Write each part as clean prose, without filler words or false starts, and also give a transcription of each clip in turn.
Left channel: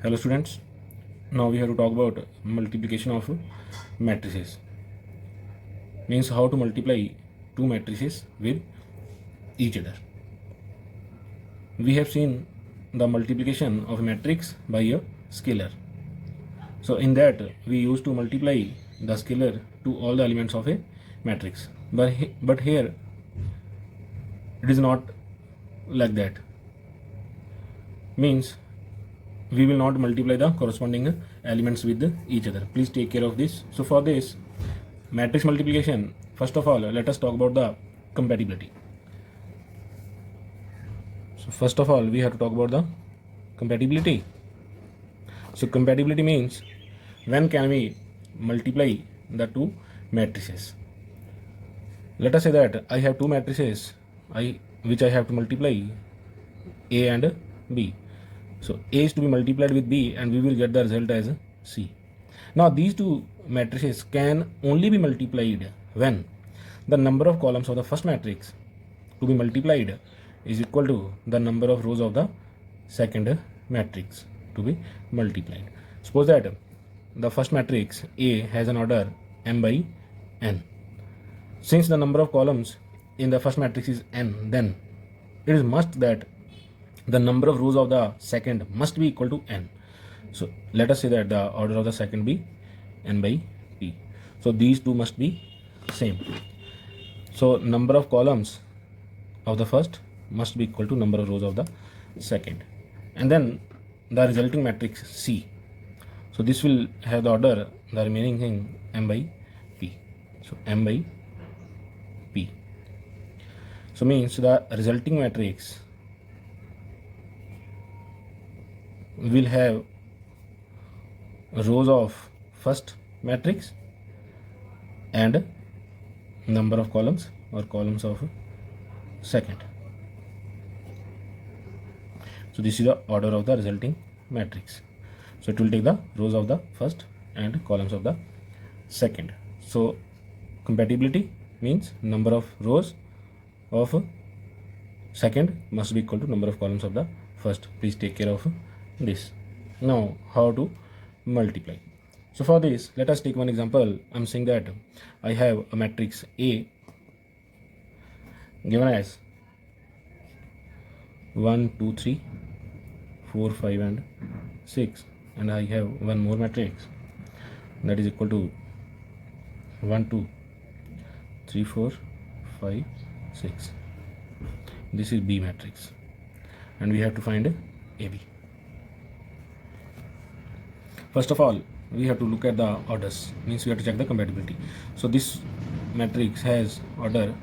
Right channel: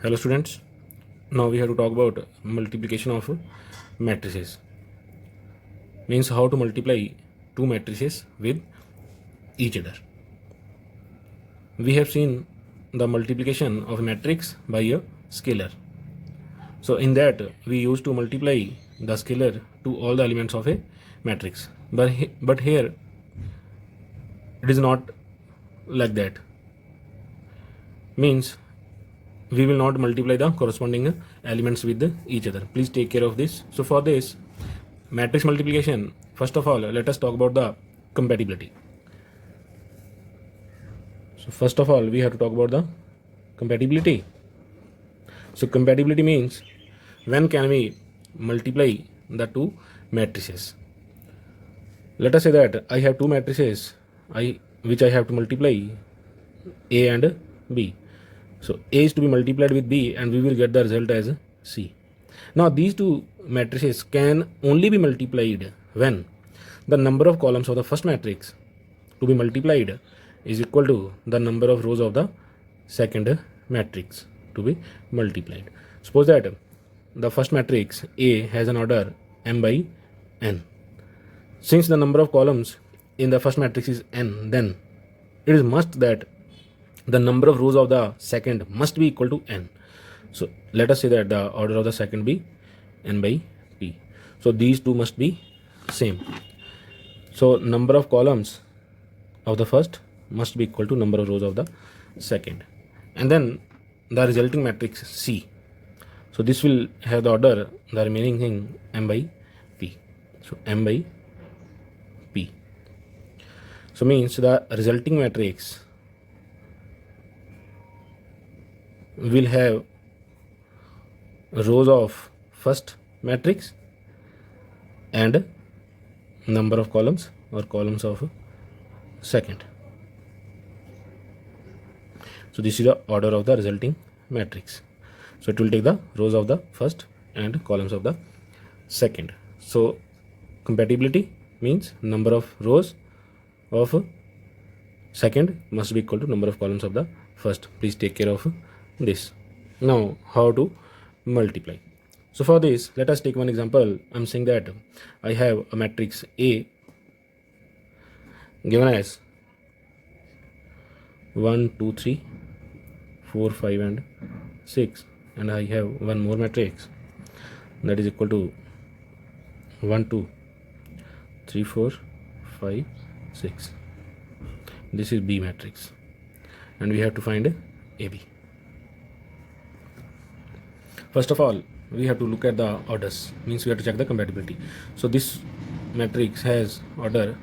Hello students, now we have to talk about multiplication of matrices. Means how to multiply two matrices with each other. We have seen the multiplication of a matrix by a scalar. So in that we used to multiply the scalar to all the elements of a matrix. But here it is not like that. Means we will not multiply the corresponding elements with each other. Please take care of this. So for this matrix multiplication, first of all let us talk about the compatibility. So first of all we have to talk about the compatibility. So compatibility means when can we multiply the two matrices. Let us say that I have two matrices which I have to multiply, A and B. So A is to be multiplied with B and we will get the result as C. Now these two matrices can only be multiplied when the number of columns of the first matrix to be multiplied is equal to the number of rows of the second matrix to be multiplied. Suppose that the first matrix A has an order m by n. Since the number of columns in the first matrix is n, then it is must that the number of rows of the second must be equal to n. So let us say that the order of the second be n by p. So these two must be same. So number of columns of the first must be equal to number of rows of the second. And then the resulting matrix C. So this will have the order, the remaining thing m by p. So m by p. So means the resulting matrix will have rows of first matrix and number of columns or columns of second. So this is the order of the resulting matrix. So it will take the rows of the first and columns of the second. So compatibility means number of rows of second must be equal to number of columns of the first. Please take care of this. Now how to multiply. So for this let us take one example. I'm saying that I have a matrix A given as 1 2 3 4 5 and 6, and I have one more matrix that is equal to 1 2 3 4 5 6. This is B matrix and we have to find AB. First of all we have to look at the orders, means we have to check the compatibility. So this matrix has order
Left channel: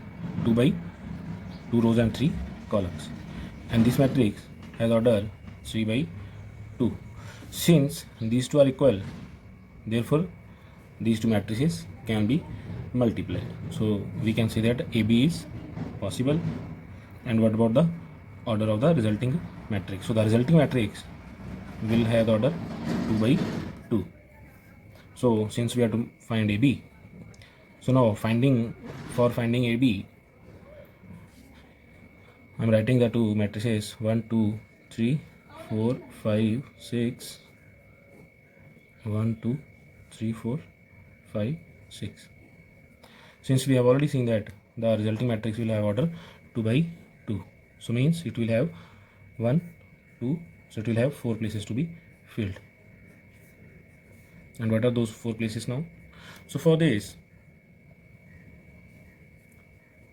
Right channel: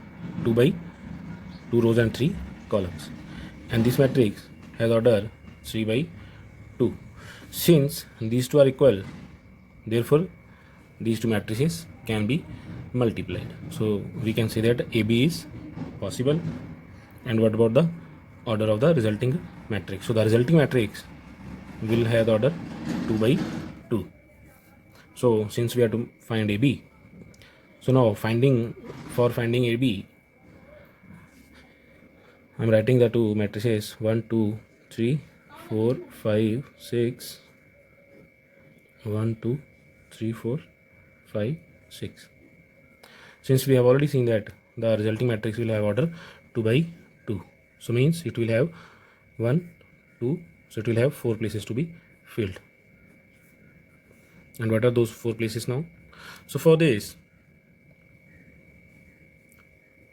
2 by 2 rows and 3 columns, and this matrix has order 3 by 2. Since these two are equal, therefore these two matrices can be multiplied. So we can say that AB is possible. And what about the order of the resulting matrix? So the resulting matrix will have the order 2 by 2. So since we have to find AB, so now for finding AB, I am writing the two matrices 1 2 3 4 5 6, 1 2 3 4 5 6. Since we have already seen that the resulting matrix will have order 2 by 2, so means it will have 1 2, so it will have 4 places to be filled. And what are those 4 places now? So for this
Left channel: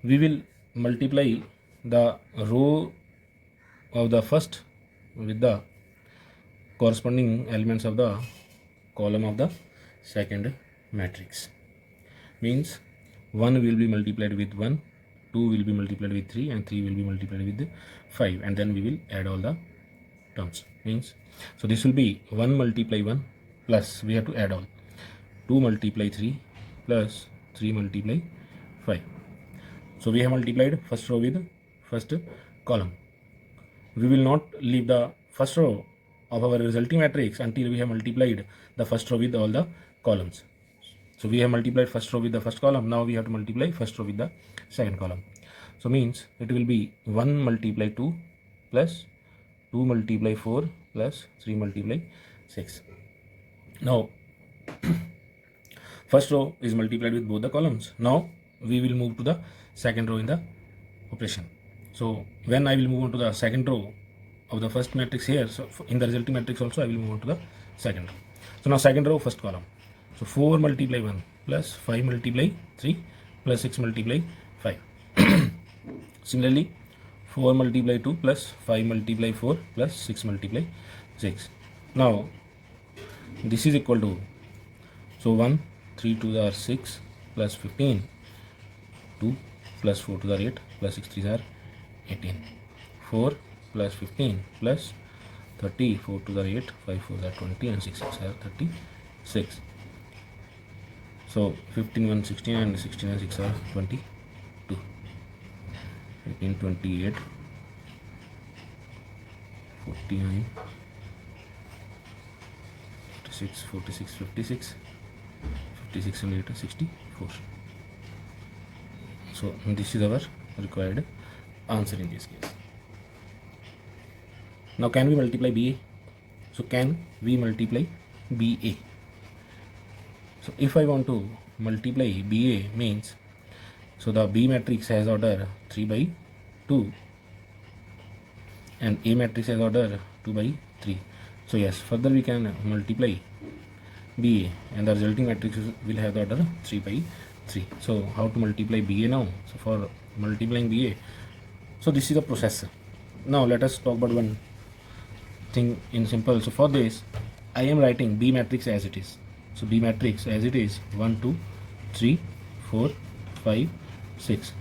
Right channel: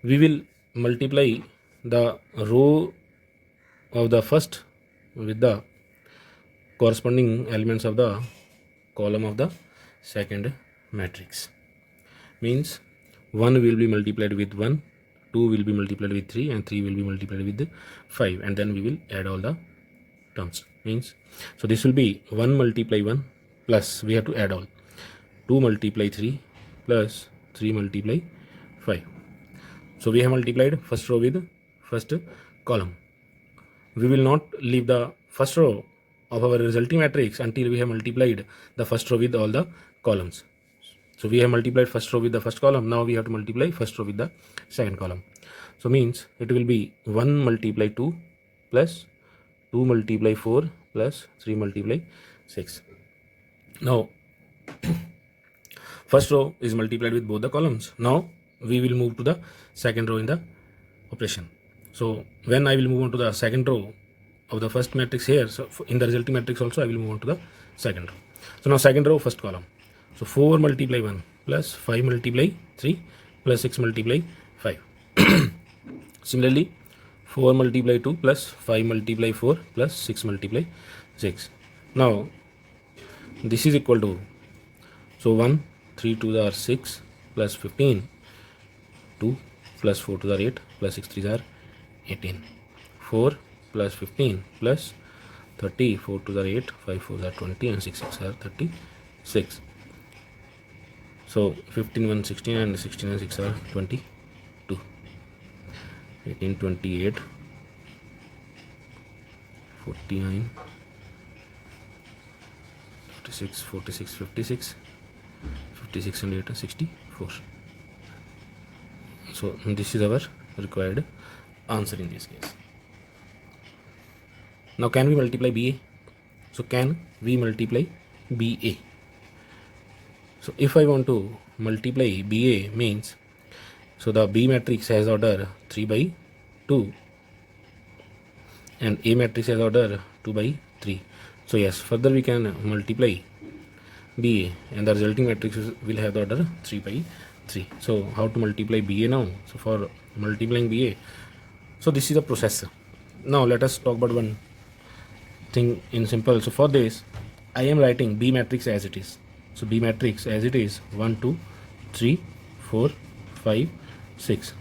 we will multiply the row of the first with the corresponding elements of the column of the second matrix. Means 1 will be multiplied with 1, 2 will be multiplied with 3, and 3 will be multiplied with 5, and then we will add all the terms. Means so this will be 1 multiply 1 plus we have to add all 2 multiply 3 plus 3 multiply 5. So we have multiplied first row with first column. We will not leave the first row of our resulting matrix until we have multiplied the first row with all the columns. So we have multiplied first row with the first column. Now we have to multiply first row with the second column. So means it will be 1 multiply 2 plus 2 multiply 4 plus 3 multiply 6. Now first row is multiplied with both the columns. Now we will move to the second row in the operation. So when I will move on to the second row of the first matrix here, so in the resulting matrix also I will move on to the second row. So now second row, first column. So 4 multiply 1 plus 5 multiply 3 plus 6 multiply 5. Similarly 4 multiply 2 plus 5 multiply 4 plus 6 multiply 6. Now this is equal to, so 1 3 to the 6 plus 15, 2 plus 4 to the 8 plus 6 3 are 18, 4 plus 15 plus 30, 4 to the 8, 5 4 are 20 and 6 6 are 36. So 15 1 16 and 16 and 6 are 22, 18 28, 49, 46 46 56, 56 and 8 are 64. So this is our required answer in this case. Now can we multiply BA? So can we multiply BA? So if I want to multiply BA means, so the B matrix has order 3 by 2 and A matrix has order 2 by 3. So yes, further we can multiply BA and the resulting matrix will have the order 3 by 3. So how to multiply BA now? So for multiplying BA, so this is the process. Now let us talk about one thing in simple. So for this I am writing B matrix as it is. So B matrix as it is 1 2 3 4 5 6.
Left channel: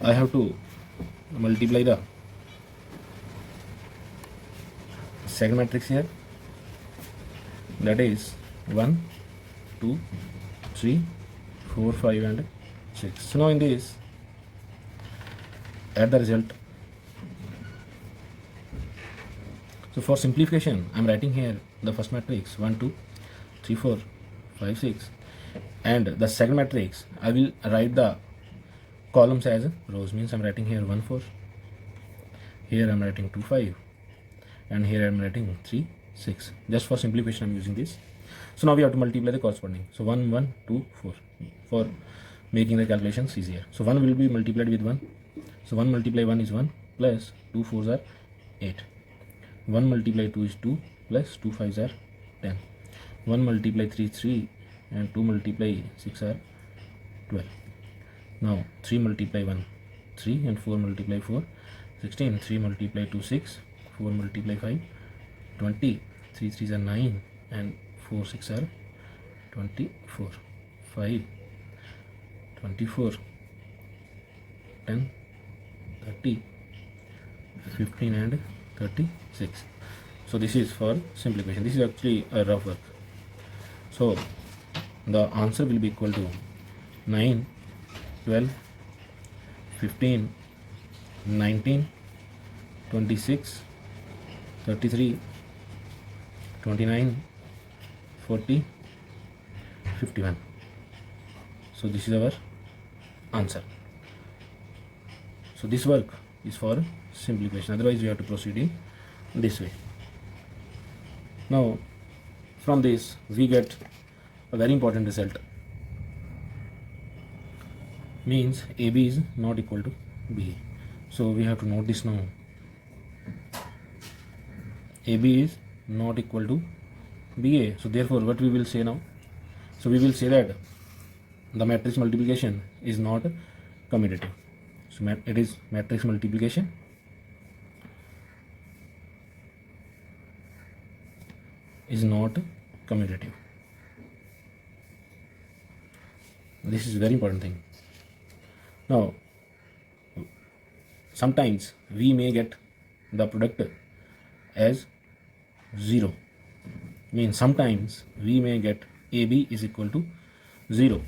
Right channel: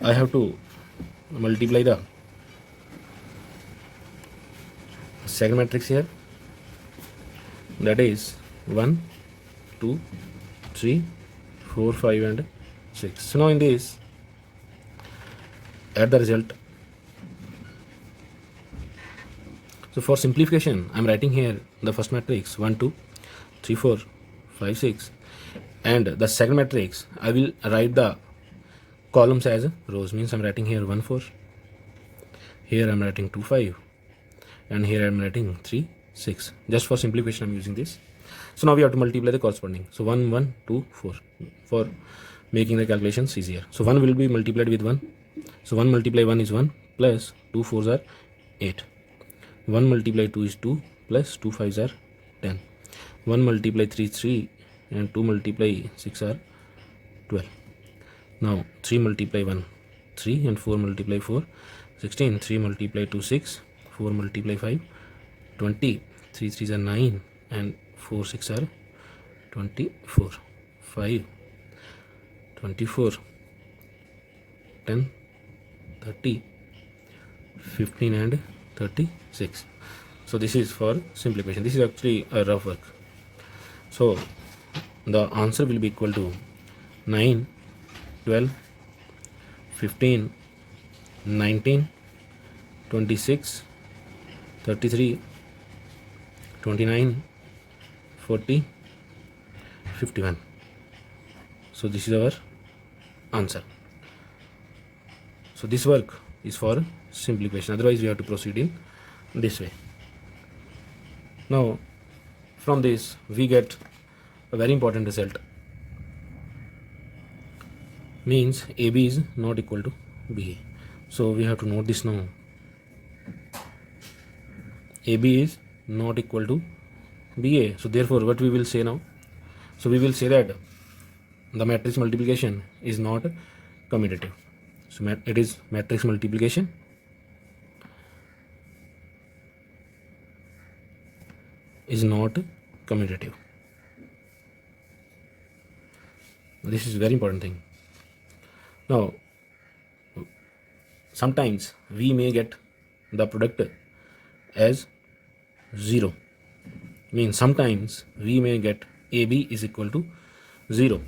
I have to multiply the second matrix here, that is 1 2 3 4 5 and 6. So now in this add the result. So for simplification I am writing here the first matrix 1 2 3 4 5 6 and the second matrix I will write the columns as rows, means I am writing here 1 4, here I am writing 2 5 and here I am writing 3 6. Just for simplification I am using this. So now we have to multiply the corresponding. So 1 1 2 4 for making the calculations easier. So 1 will be multiplied with 1. So 1 multiply 1 is 1 plus 2 4s are 8. 1 multiply 2 is 2 plus 2 5s are 10. 1 multiply 3 is 3 and 2 multiply 6 are 12. Now 3 multiply 1 3 and 4 multiply 4 16. 3 multiply 2 6, 4 multiply 5 20, 3 3s are 9 and 4 6 are 24, 5 24, 10 30, 15 and 36. So this is for simplification. This is actually a rough work. So the answer will be equal to 9 12 15 19 26 33 29 40 51. So this is our answer. So this work is for simplification, otherwise we have to proceed in this way. Now from this we get a very important result, means AB is not equal to BA. So we have to note this now. AB is not equal to BA. So therefore what we will say now? So we will say that the matrix multiplication is not commutative. So it is matrix multiplication is not commutative. This is very important thing. Now sometimes we may get the product as 0, means sometimes we may get AB is equal to 0,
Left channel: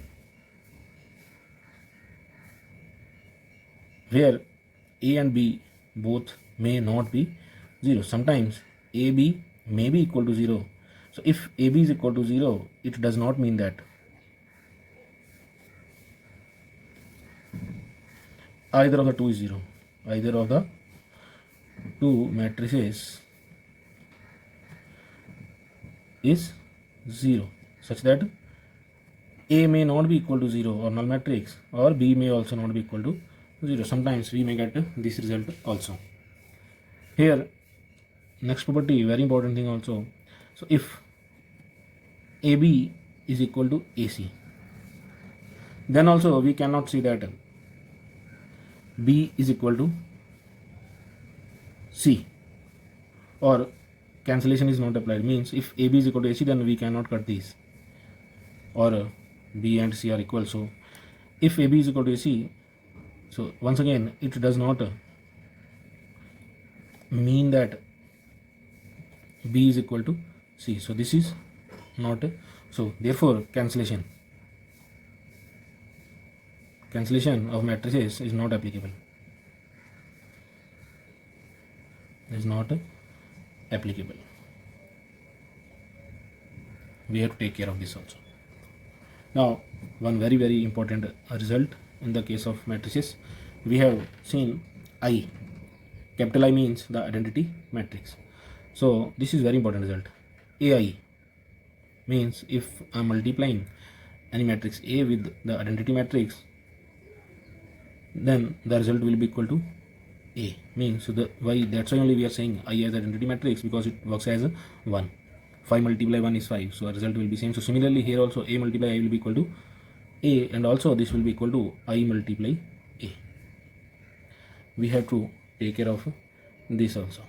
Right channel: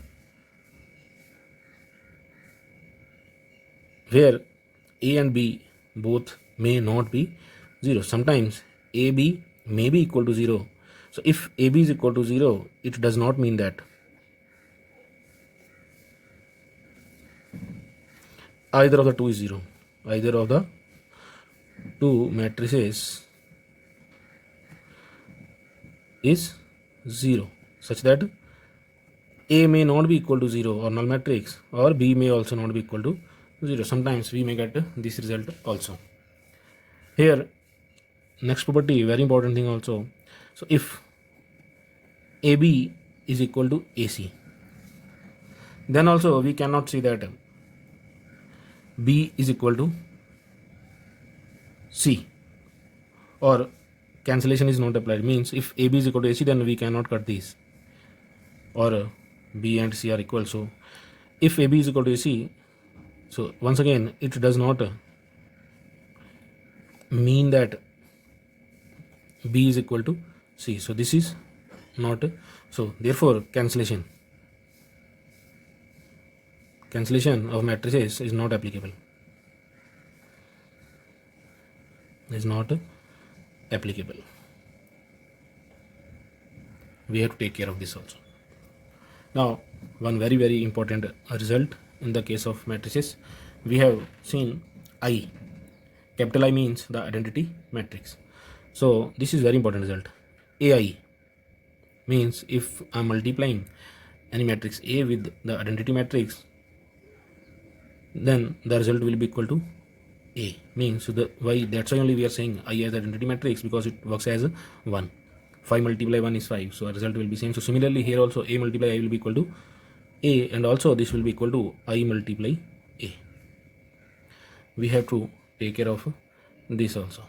where A and B both may not be 0. Sometimes AB may be equal to 0. So if AB is equal to 0, it does not mean that either of the two is 0. Either of the two matrices is 0, such that A may not be equal to 0 or null matrix, or B may also not be equal to 0. Sometimes we may get this result also. Here, next property, very important thing also. So if AB is equal to AC, then also we cannot see that B is equal to C, or cancellation is not applied. Means if AB is equal to AC, then we cannot cut these, or B and C are equal. So if AB is equal to AC, so once again it does not mean that B is equal to C. So this is not, so therefore cancellation of matrices is not applicable. Is not applicable. We have to take care of this also. Now, one very important result in the case of matrices, we have seen I. Capital I means the identity matrix. So this is very important result. AI means if I am multiplying any matrix A with the identity matrix, then the result will be equal to A. Means that's why only we are saying I as identity matrix, because it works as 1. 5 multiply 1 is 5, so our result will be same. So similarly here also A multiply I will be equal to A, and also this will be equal to I multiply A. We have to take care of this also.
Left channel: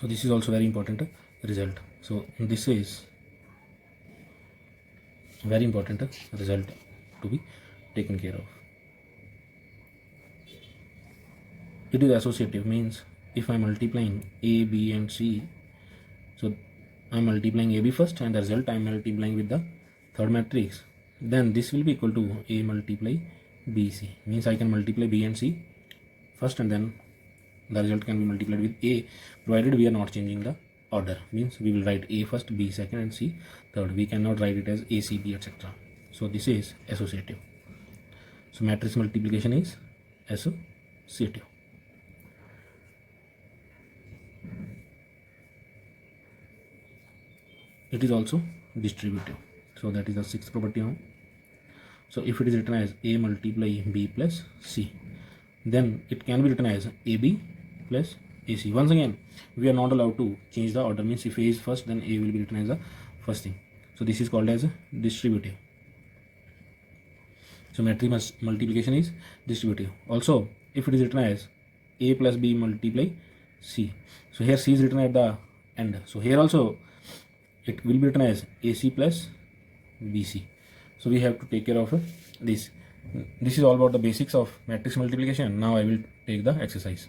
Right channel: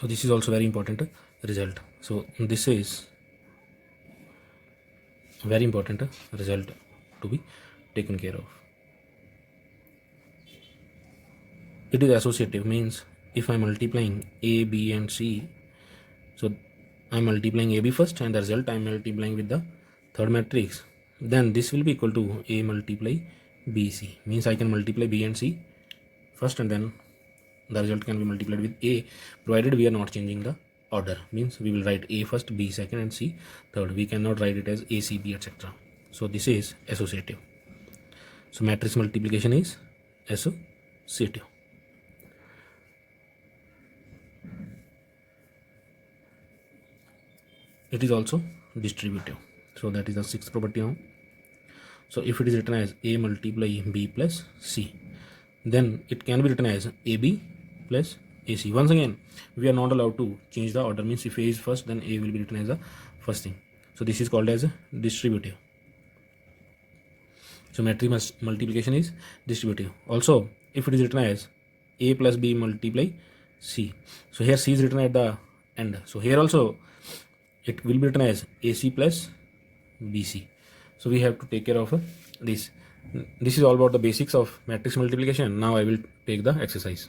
So this is also very important result. So this is very important result to be taken care of. It is associative, means if I am multiplying A, B and C, so I am multiplying AB first, and the result I am multiplying with the third matrix, then this will be equal to A multiply BC. Means I can multiply B and C first, and then the result can be multiplied with A, provided we are not changing the order. Means we will write A first, B second and C third. We cannot write it as A, C, B, etc. So this is associative. So matrix multiplication is associative. It is also distributive. So that is the sixth property now. So if it is written as A multiply B plus C, then it can be written as AB plus AC. Once again, we are not allowed to change the order. Means if A is first, then A will be written as the first thing. So this is called as distributive. So matrix multiplication is distributive. Also, if it is written as A plus B multiply C, so here C is written at the end. So here also it will be written as AC plus BC. So we have to take care of this. This is all about the basics of matrix multiplication. Now I will take the exercise.